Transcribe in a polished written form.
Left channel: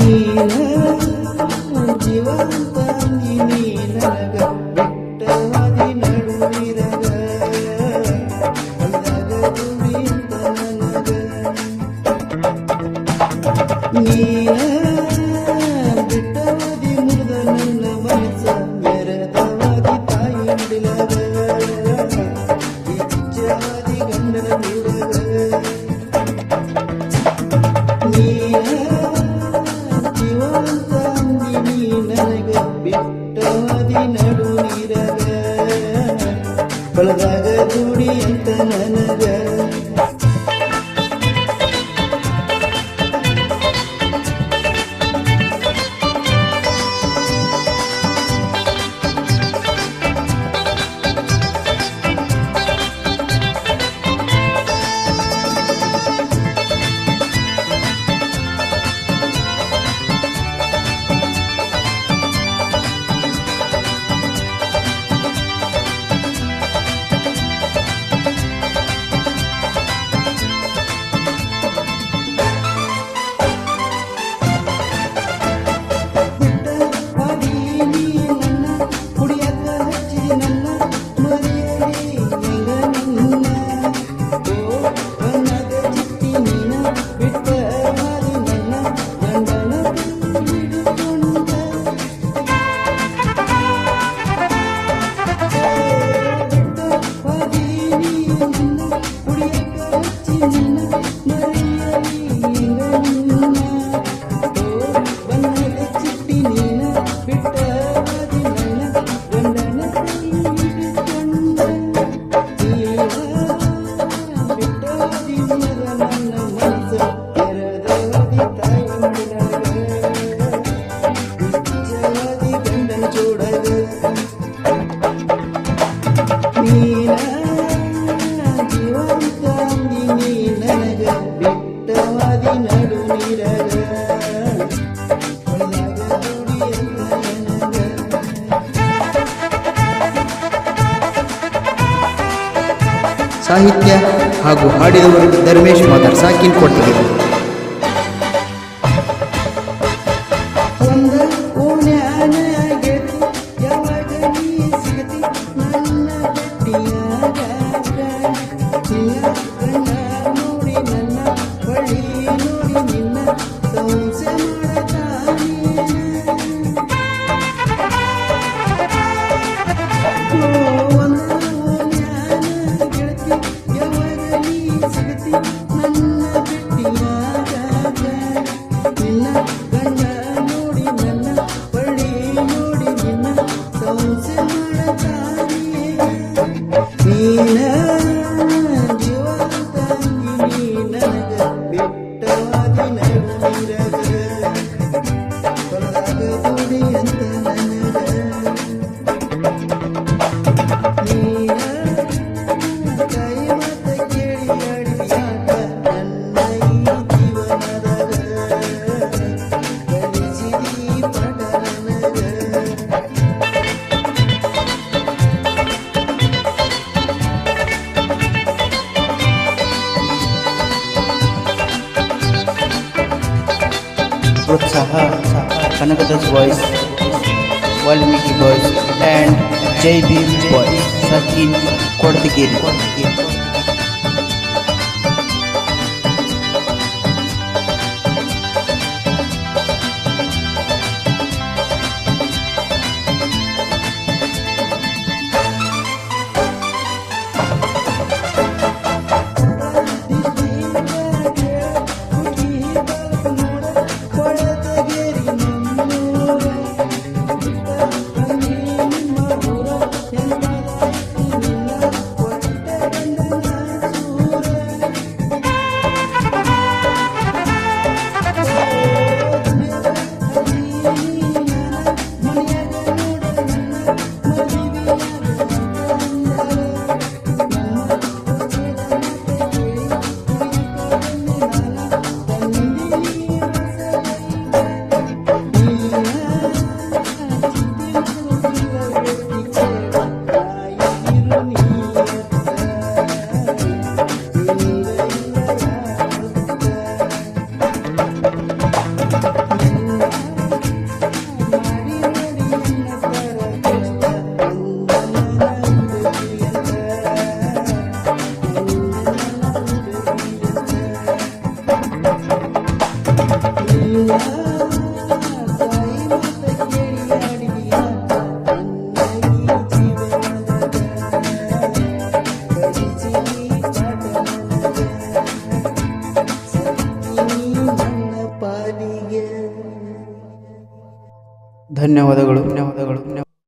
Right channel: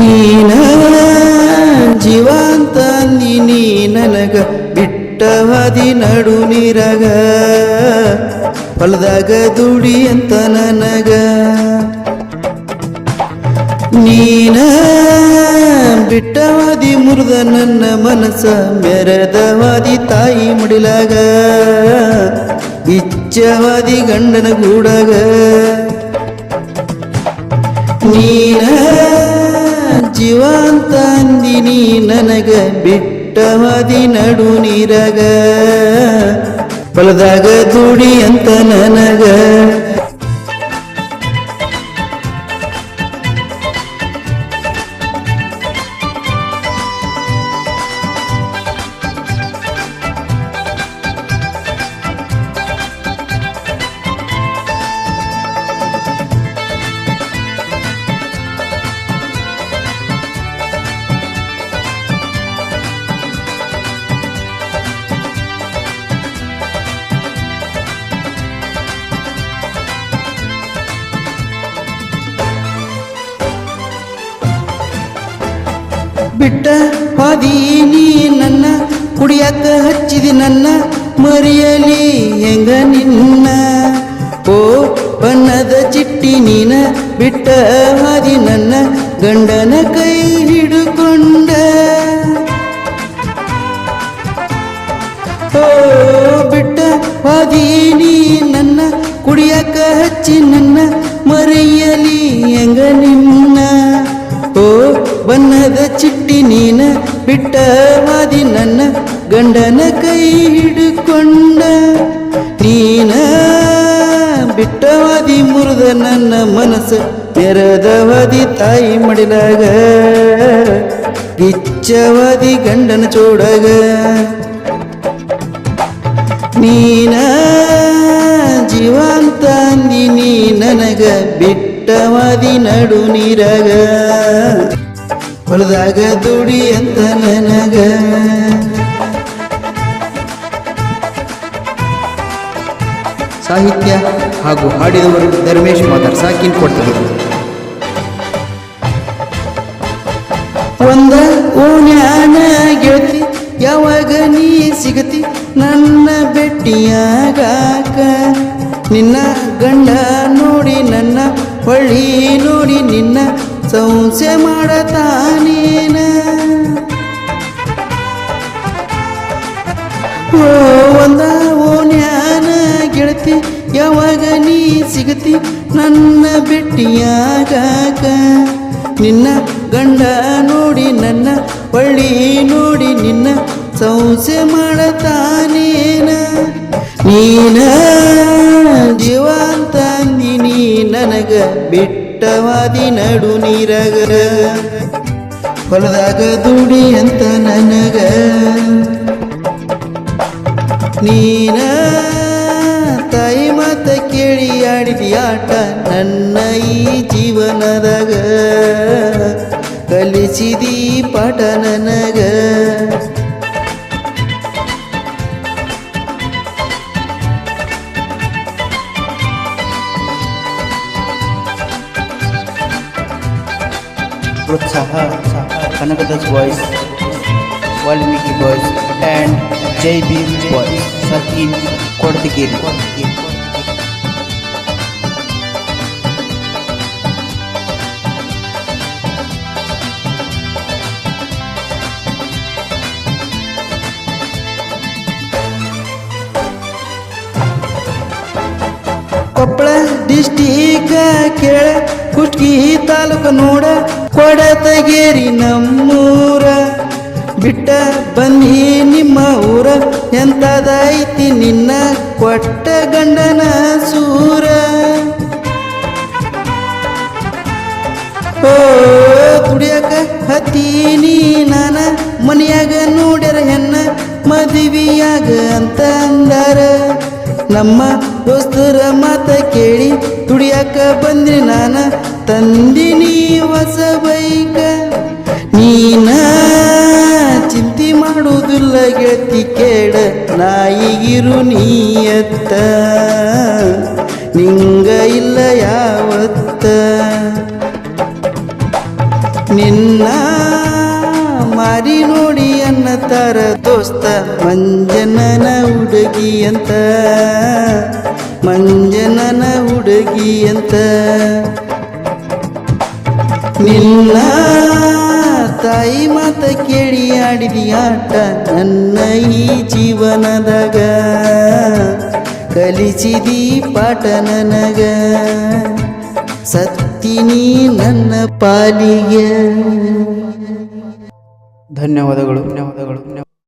ನೀನ ಜೀವಂತ ನೀ ನನಗ ಬಿಟ್ಟವಾದಿ ನಡು ನೀರಾಗ ಹೊಲದಾಗ ದುಡಿ ಅಂತ ನನಗ ನೀನ ಬಿಟ್ಟವಾದಿ ಮುರಿದ ನನ್ನ ಮನಸ್ಸ ಮೆರೆದವಾದಿ ತಾಯಿ ಮಡಿಲಾಗ ಇಚ್ಛವಾದಿ ಗಂಡನ ಗೂಡಾಗ ನೀನ ಜೀವಂತ ಅಂದಿನಿ ನನಗ ಬಿಟ್ಟವಾದಿ ನಡು ನೀರಾಗ ಹೊಲದಾಗ ದುಡಿ ಅಂತ ನನಗ ಬಿಟ್ಟ ಹಾದಿ ನೀ ನನ್ನ ಕುಡಿಯಕ್ಕ ಹಚ್ಚಿದಿ ನನ್ನ ಮರೆಯಲಿ ಹೆಂಗ ನಿನ್ನ ಓ ಬಣ್ಣದ ಚಿಟ್ಟಿ ನೀನ ಬಿಟ್ಟ ಹಾದಿ ನನ್ನ ಗಂಡನ ಕೈ ಹಿಡುಕೊಂಡ ಓ ಬಿಟ್ಟ ಹಾದಿ ನೀ ನನ್ನ ಕುಡಿಯಕ್ಕ ಹಚ್ಚಿ ನನ್ನ ಮರೆಯಲಿ ಹೆಂಗ ನಿನ್ನ ಓ ಬಣ್ಣದ ಚಿಟ್ಟಿ ನೀನ ಬಿಟ್ಟವಾದಿ ನನ್ನ ಗಂಡನ ಕೈ ಹಿಡ್ಕೊಂಡ ನೀನ ಬಿಟ್ಟವಾದಿ ಮುರಿದ ನನ್ನ ಮನಸ್ಸು ತೆರೆದವಾದಿ ತಾಯಿ ಮಡಿಲಾಗ ಇಚ್ಛವಾದಿ ಗಂಡನ ಚೋಡಾಗ ನೀನ ಜೀವಂತ ಅಂದಿನಿ ನನಗ ಬಿಟ್ಟವಾದಿ ನಡು ನೀರಾಗ ಹೊಲದಾಗ ದುಡಿ ಅಂತ ನನಗ ಸಾಹಿತ್ಯ ಹಾಗೂ ಹಾಡಿದವರು ಧರ್ಮೇಶ್ ಮಾದರ್ ಸಾಕಿನ್ ಕೊಟ್ಟಿಗೆ. ಒಂದ ಓಣ್ಯಾನ ಗೆಳತಿ ಯಾವಾಗ ನೀ ಸಿಗತಿ ನನ್ನ ಭೆಟ್ಟಿಯಾಗಾಕ ನಿನ್ನ ಗಂಡ ನೋಡಿ ನನ್ನ ಹೊಳ್ಳಿ ನೋಡಿ ನಿನ್ನ ಸಂಸೆ ಮಾಡತಾನೇನ ಒಂದ ಓಣ್ಯಾನ ಗೆಳತಿ ಯಾವಾಗ ನೀ ಸಿಗತಿ ನನ್ನ ಭೆಟ್ಟಿಯಾಗಾಕ ನಿನ್ನ ಗಂಡ ನೋಡಿ ನನ್ನ ಹೊಳ್ಳಿ ನೋಡಿ ನಿನ್ನ ಸಂಸೆ ಮಾಡತಾನೇನ ನೀನ ಜೀವಂತ ಅಂದಿನಿ ನನಗ ಬಿಟ್ಟವಾದಿ ನಡು ನೀರಾಗ ಹೊಲದಾಗ ದುಡಿ ಅಂತ ನನಗ ನೀನ ತಾಯಿ ಮಾತ ಕೇಳಿ ಆಡಿದ ಆಟ ನನ್ನ ಈ ಜೀವನದಾಗ ಕಲಿಸಿದಿ ಪಾಠ ನನಗ ಪ್ರೋತ್ಸಾಹ Kanakadas boys, Valmiki boys and Jai Bhim boys ಸಾಕಿನ್ ಕೊಡದಗೇರಿ. ಕೊಪ್ಪಳ ಡಿಸ್ಟಿಕ್ ಕೇಳ ಕುಟ್ಗಿ ತಾಲೂಕು ನೋಡ ಕೊಡತಗೇರಿ ನಮ್ಮೂರ ಬಿಟ್ಟ ಬಂದಿ ನಿಮ್ಮ ಊರ ಎಂತದೈತಿ ನಿನ್ನ ಕೊಟ್ಟ ಗಂಡನ ಸೂರ ಓ ದುಡಿಯಕ ಹತ್ತೀನಿ ನಾನ ಮನೆಯಾಗ ನೋಡ್ಯಾರ ಹೆಣ್ಣ ಮದುವೆಯಾಗ ಅಂತ ಅಂದಾರ ನಮ್ಮ ದೋಸ್ತರ ಮಾತ ಕೇಳಿ ದುಡಿಯಕ ಬಂದ್ರಿ ನಾನ ತಂದಿನಿ ಹೊಸ ಬೈಕ ನೀನ ಚಿಂತೆ ಮಾಡುವುದಿಲ್ಲ ಗೆಳತಿ ಕೇಳ ನಾಯಿಗಿರು ನೀಯತ್ತ ನಿಂಗ ಇಲ್ಲ ಯಾವತ್ತ ನಿನ್ನ ಆಟ ನನ್ನ ಈ ಜೀವನದಾಗ ಕಲಿಸಿದಿ ಪಾಠ ನನಗ ಸತ್ತಿನಿ ನನ್ನ ಪಾಲಿಗೆ. ಧನ್ಯವಾದಗಳು.